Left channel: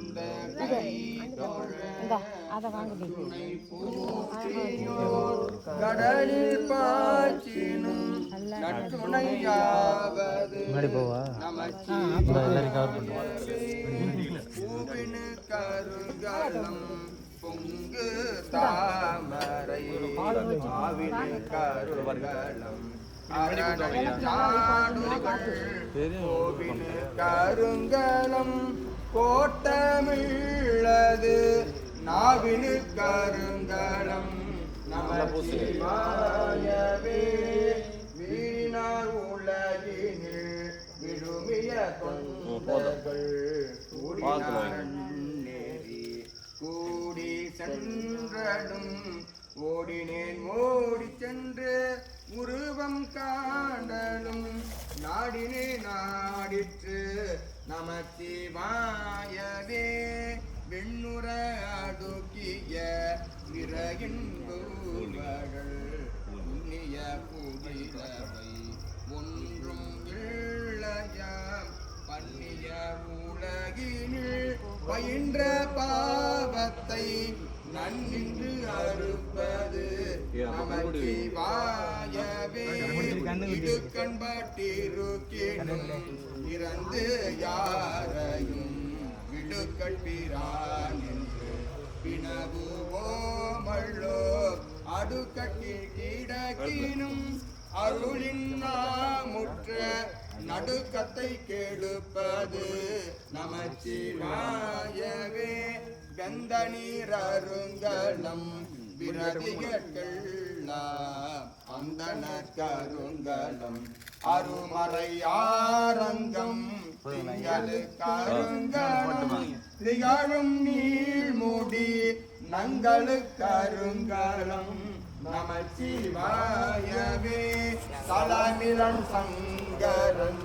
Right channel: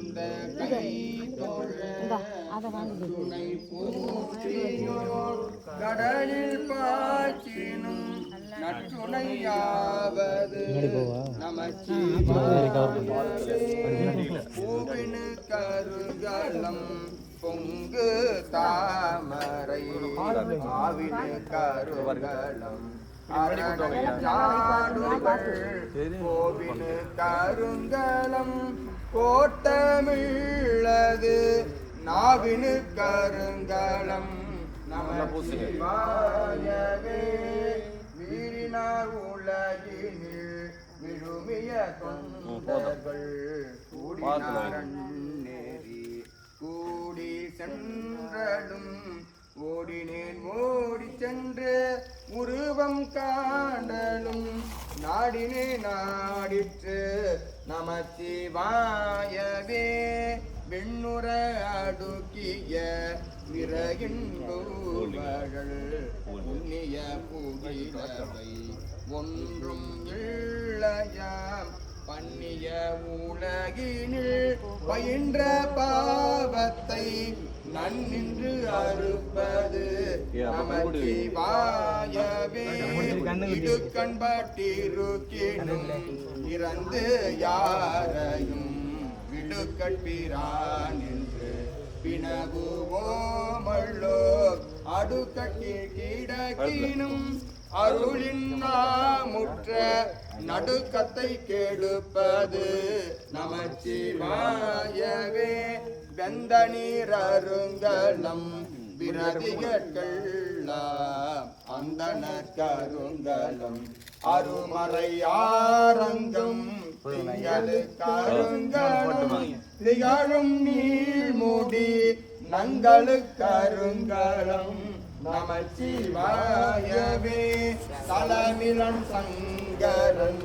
பொருந்த கை துணை போற்றியோர் கடலில் பாய்ச்சினும் நற்றுணையாவது பூவினு கருகலம் பொங்கு தாமரை ஆவினு கருகலம் கோவினு கருங்கலம் கோட்டமிழது நாவினு கருங்கலம் நமசிவாயவே வீணார் உலகினில் விழுமிய தொண்டர்கள் கூடினேறி கூடி சென்றடும் ஓடினேன் ஓடி சென்று உருவம் காண்டலும் நாடினே நாடிற்று நமசிவாயவே விண்ணுற அடுக்கிய விறகின் பூமகள் புண்ணிய புகிழவை ஒன்றும் இல்லையாம் பண்ணிய உலகினில் பயின்ற பாவத்தை நன்னின்று அறுப்பது நமசிவாயவே இது கண்பட்டிருக்கினும் இறந்து யாரையும் விடுக்கட்பிரான் என்று பிணவுவோமல்லோ அடுக்கட்டி கிடக்கினும் அருளின் நாமுற்ற நடுக்கத்தை கெடுப்பது நமசிவாயவே வெந்த நீர் அருங்கலம் விரதிகட்கெல்லாம் அந்தன கருங்கலம் அருமறை ஆரங்கம் கருங்கலம் திகழும் நீழ்முடி நங்களுக்கருங்கலம் நமசிவாயவே தலமிலன் சங்கரன்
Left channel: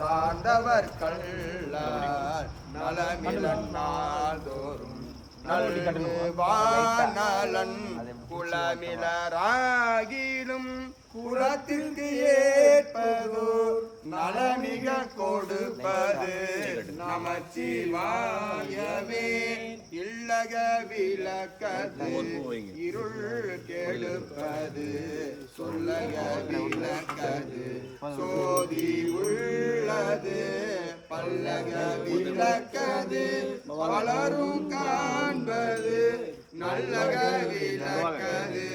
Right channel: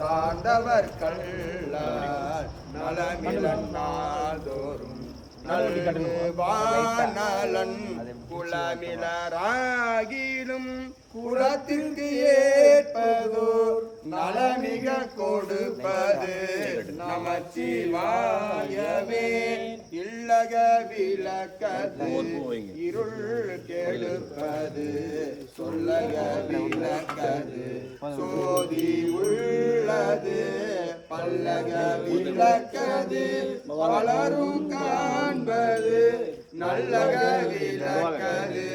சார்ந்தவர் கள்ளார் நலமிலன் நாள்தோறும் நல்வானலன் குலமிலராகிலும் குலத்திற்கு ஏற்பதோ நலமிக கொடுப்பது நமசிவாயவே இல்லக விளக்கது இருள் கெடுப்பது சொல்லக விளக்கது சோதி உள்ளது பல்லக விளக்கது பலரும் காண்பது நல்லக விளக்கது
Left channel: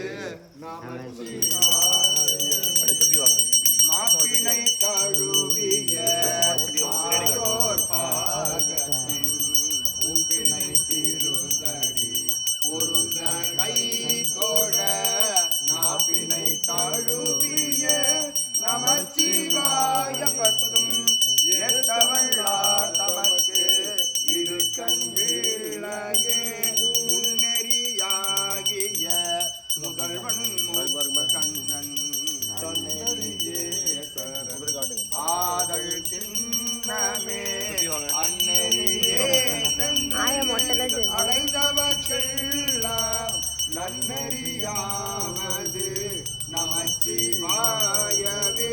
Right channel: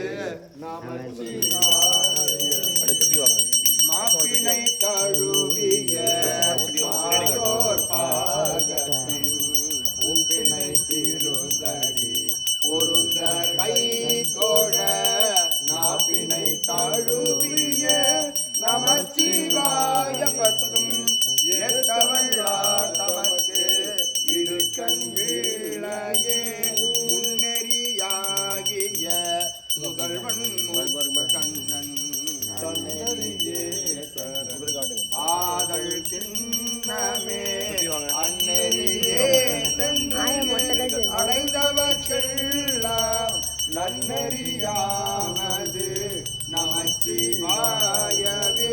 மாப்பினை தழுவிய பாகத்தின் உப்பினை திருதடி பொருந்த கை தோழ நாப்பினை தழுவிய நமசிவாய பத்தும் ஏற்றவள்ளார் தமக்கு இடுக்கண் வீழையே முன்னெறியாகிய முதல்வன் கண்ணன் ஆதல் திண்ணமே அந்நெறியே அடைந்தவர்க்கெல்லாம் நன்னெறியாவது நமசிவாயவே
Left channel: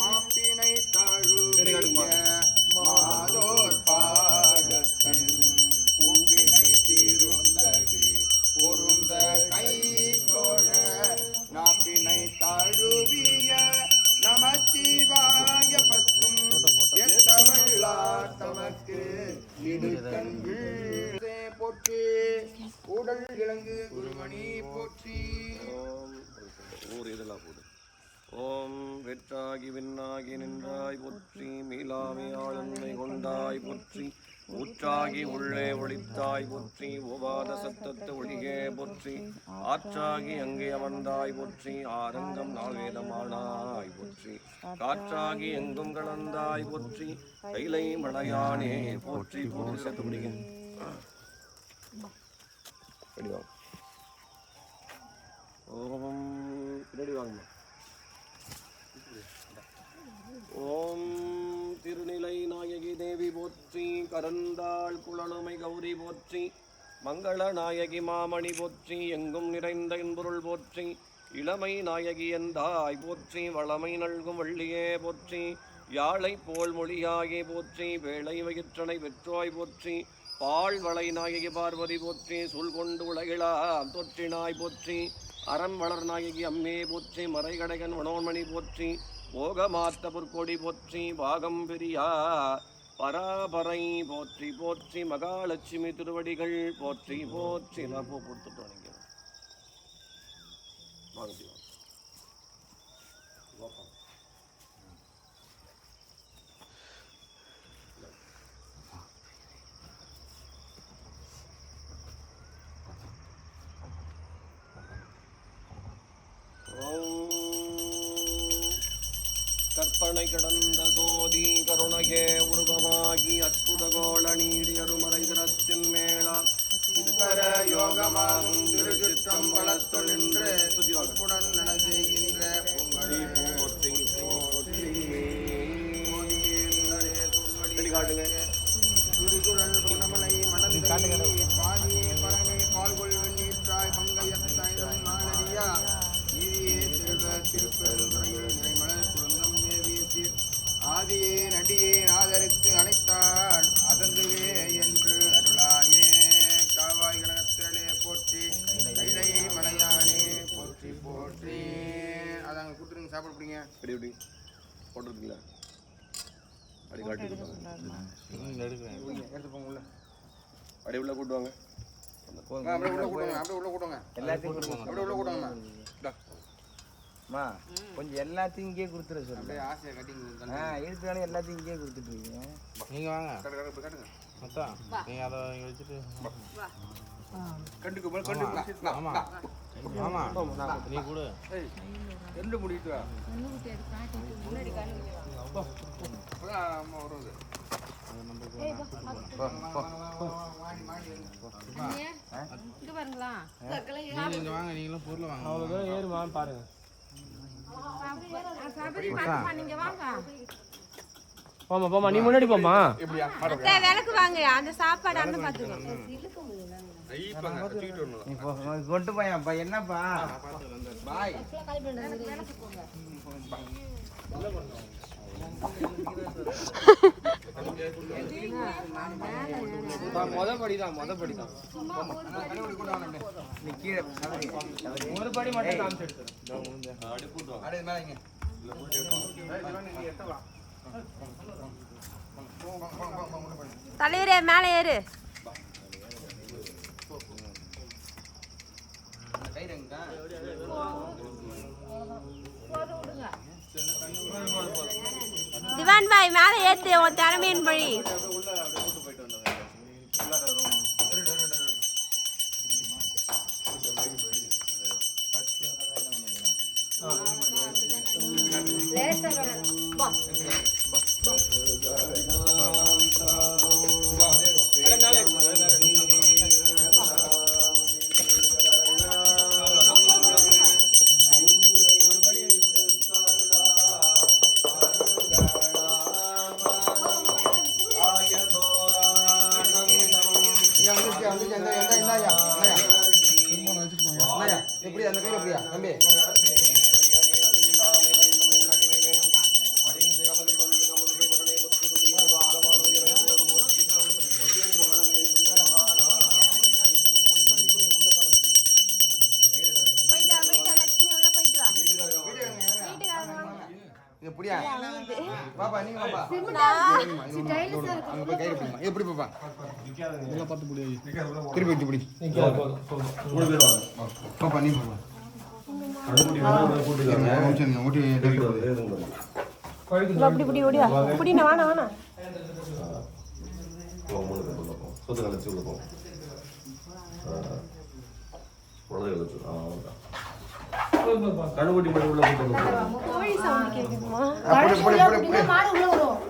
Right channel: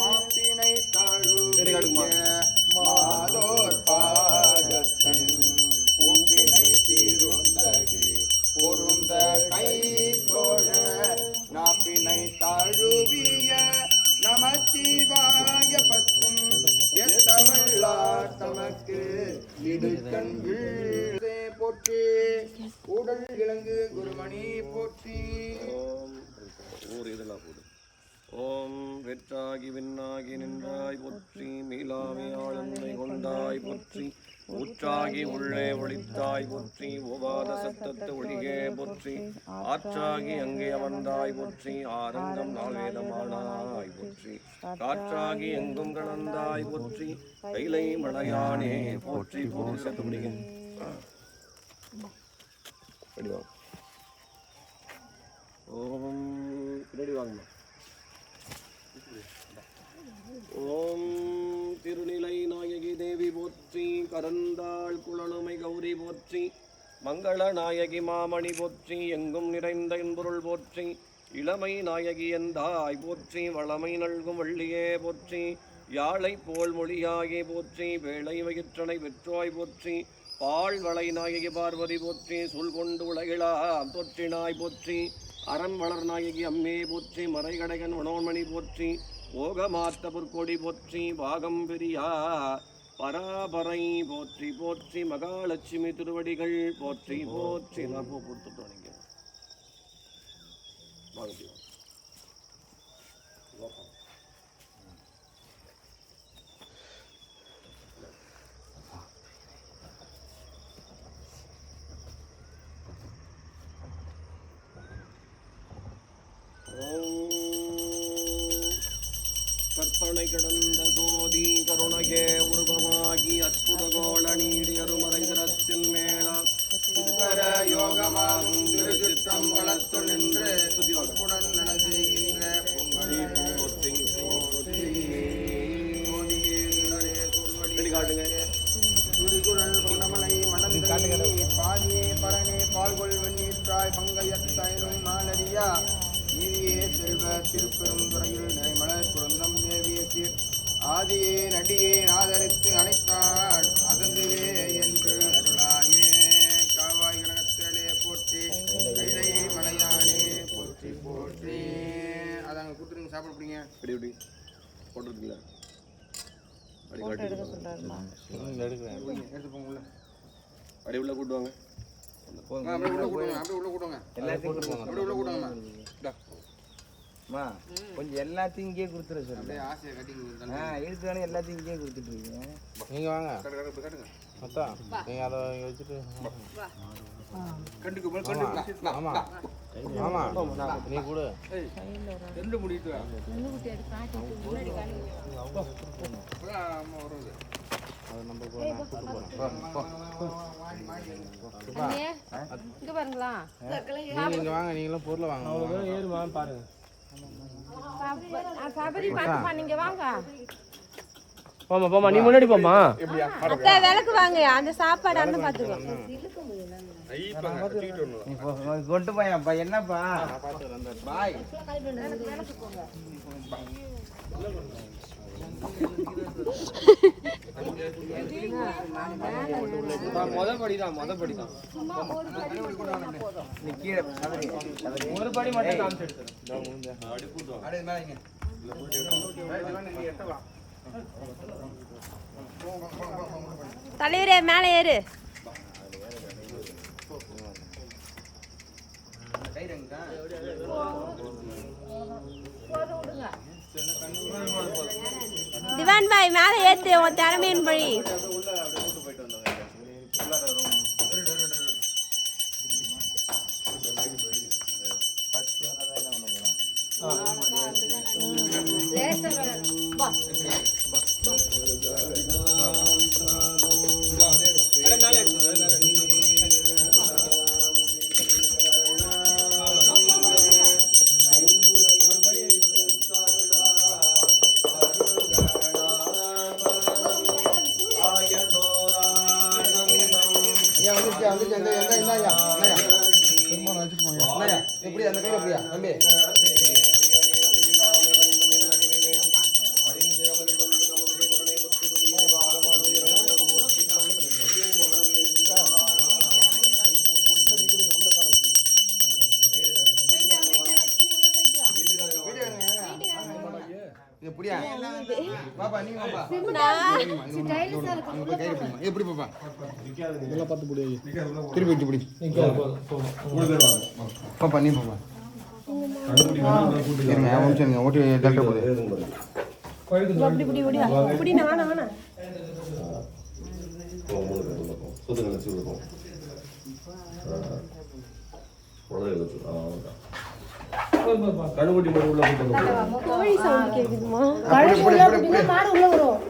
மாப்பினை தழுவிய மாதோர் பாகத்தன் பூப்பினை திருந்தடி பொருந்த கை தோழ நாப்பினை தழுவிய நமசிவாய பத்தும் எத்தவள்ளார் தமக்கு இடுக்கண் வீழே போற்றி உடல் இளங்கு குருமணி போற்றி. ஓம் வெற்றாகி விண்ணாகி நின்றாய் போற்றி மீளாமை ஆளுமை கொண்டாய் போற்றி ஊற்றாகி உள்ளே ஒளித்தாய் போற்றி ஓவாத சத்தத்து ஒளிகே போற்றி ஆற்றாகி அங்கே அமர்ந்தாய் போற்றி ஆரங்கம் நாள்வேதமானாய் போற்றி காற்றாகி எங்கும் கலந்தாய் போற்றி கைலை மலையானே போற்றி போற்றி சத்து முடிங்க. ஓம் பின்னாடி வாங்க. ஓம் திருநிலை நாயகி தேவி போற்றி கரந்தாள் குழலுமை கௌரி போற்றி மங்கள நாயகி மாமணி போற்றி எங்கும் நிறைந்த என்பொருள் போற்றி இளமை நாயகி எந்தாய் போற்றி வளமை நல்கும் வள்ளியே போற்றி யாழை போல் மொழியாகி போற்றி வேளை வயிற்றனை வெற்றாய் போற்றி பால் வளை நாயகி பார்வதி போற்றி சூழ்கொண்டு உலகிலா தொற்றினாய் போற்றி அரண் வளர் நாயகி அம்மே போற்றி மறைகடகன் மனோன்மணி போற்றி ஓகமாத்த பொற்கொடி போற்றி பாகம் பெரியா பராபரை போற்றி போற்றி மகாலட்சுமி திருவடிகள் போற்றி போற்றி. நான் பூ கொடுத்துட்டு நினைக்கிறேன். கற்பனை கடந்த சோதி கருணகே உருவமாகி அற்புத கோள நீடி அருமறை திறத்தின் மேளா யோகமாகும் திருச்சுற்றம் வளர்த்து நின்று உடன் நட செய்கின்ற துரிகுழல் புனமலை மணந்தை பாதியே பரணே பால்கொள் வெண்ணீற்றாய் பங்கையத்தாயினும் மாலரியா நீதியே செல்வ திருப்பெரும் துறையில் நிலைமலர் குழந்தம் ஏவிய சீர் ஆதியே நடியே ஆதரித்து அணைத்தாள் அதந்துவே என்று அருளாயே காவாய் கனகத்திரளே போற்றி கைலை மலையானே போற்றி போற்றி. அதை அங்கே கொடுத்துருங்க சாப்பிட பிடிங்க. அப்படி எப்படி போட்டுருக்கீங்களா? அப்படி காட்டி எடுத்து போங்க உள்ள. அப்படி உள்ள கூட்டுவாங்க. அப்படியே உள்ள கூட்டுவாங்க. அப்படியே உள்ள கூட்டுவாங்க. எல்லாத்தையும் அப்படியே உள்ள கூட்டுவாங்கம்மா. கொஞ்சம் எல்லாத்தையும் இங்கே கொடுத்துரு சார். அப்படியே ஆசையை கட்டிங்க. எடுத்துதானே எல்லாத்தையும் இங்கே கொடுத்துட்டு இருக்கீங்க. நீங்க வாங்க கட்டுங்க. மொத்தம் நீங்க அதை இங்கே வச்சுட்டு கண்டுக்கு ஆமா ஆமா நீ கூட ரெண்டு முடிட்டு அம்மா வருவது அது நம்ம நீங்க வாங்க நீங்களும் பொருளை வாங்க அவ்வளோதான் ஏறுமா பாருங்க போமா போமா நீ முன்னாடி போமா விளக்கு வாங்க அந்த சாப்பாடு அந்த பாத்துக்கோ கொண்டு போயப்பா என்னப்பா பாய் மொதப்படிதான் நீ கீழே ஒரு படி மட்டும் காமிச்சு தலைவரே மேலே ஏறு. திவான் பாய் மேலே ஏத்து உன் திறமையின் பழி. எப்படி அந்த கையில் எப்படியா தம்பி எப்படியா பாப்பா நீங்க பாப்பா அங்க போய் கையில பிடிமா எப்படி பாப்பா இதெல்லாம் பார்த்து புடி திருப்பி வச்சு புடி பாப்பா நீ பாப்பா ஓட்டி டாக்டர் அப்படி ஓடியா புடி நான் வானா கடுகுட்டி மாதிரி உள்ள கோழி சவுண்ட் கேக்குதுமா? மாடு உள்ள விடும்.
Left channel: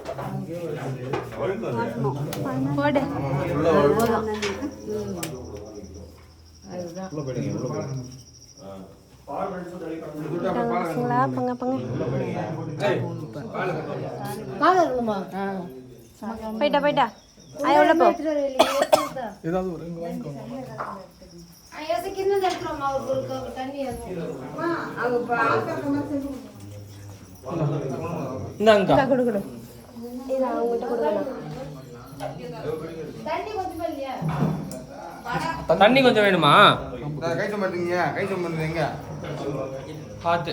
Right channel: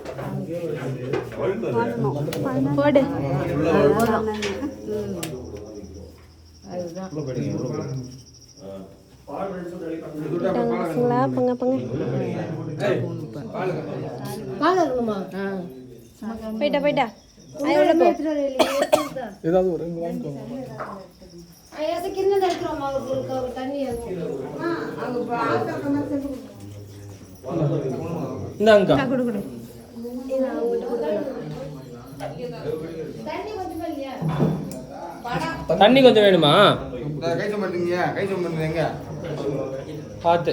போடு. அதுதான். பங்க பங்க. போயிட்டா போயிட்டா. ஐ உள்ள போ. ஏதாவது ஒரு இந்தாங்க தண்ணி கொஞ்சம் வேணுமா? கை சுமட்டுங்க, கை சுமட்டுங்க எங்க பார்த்து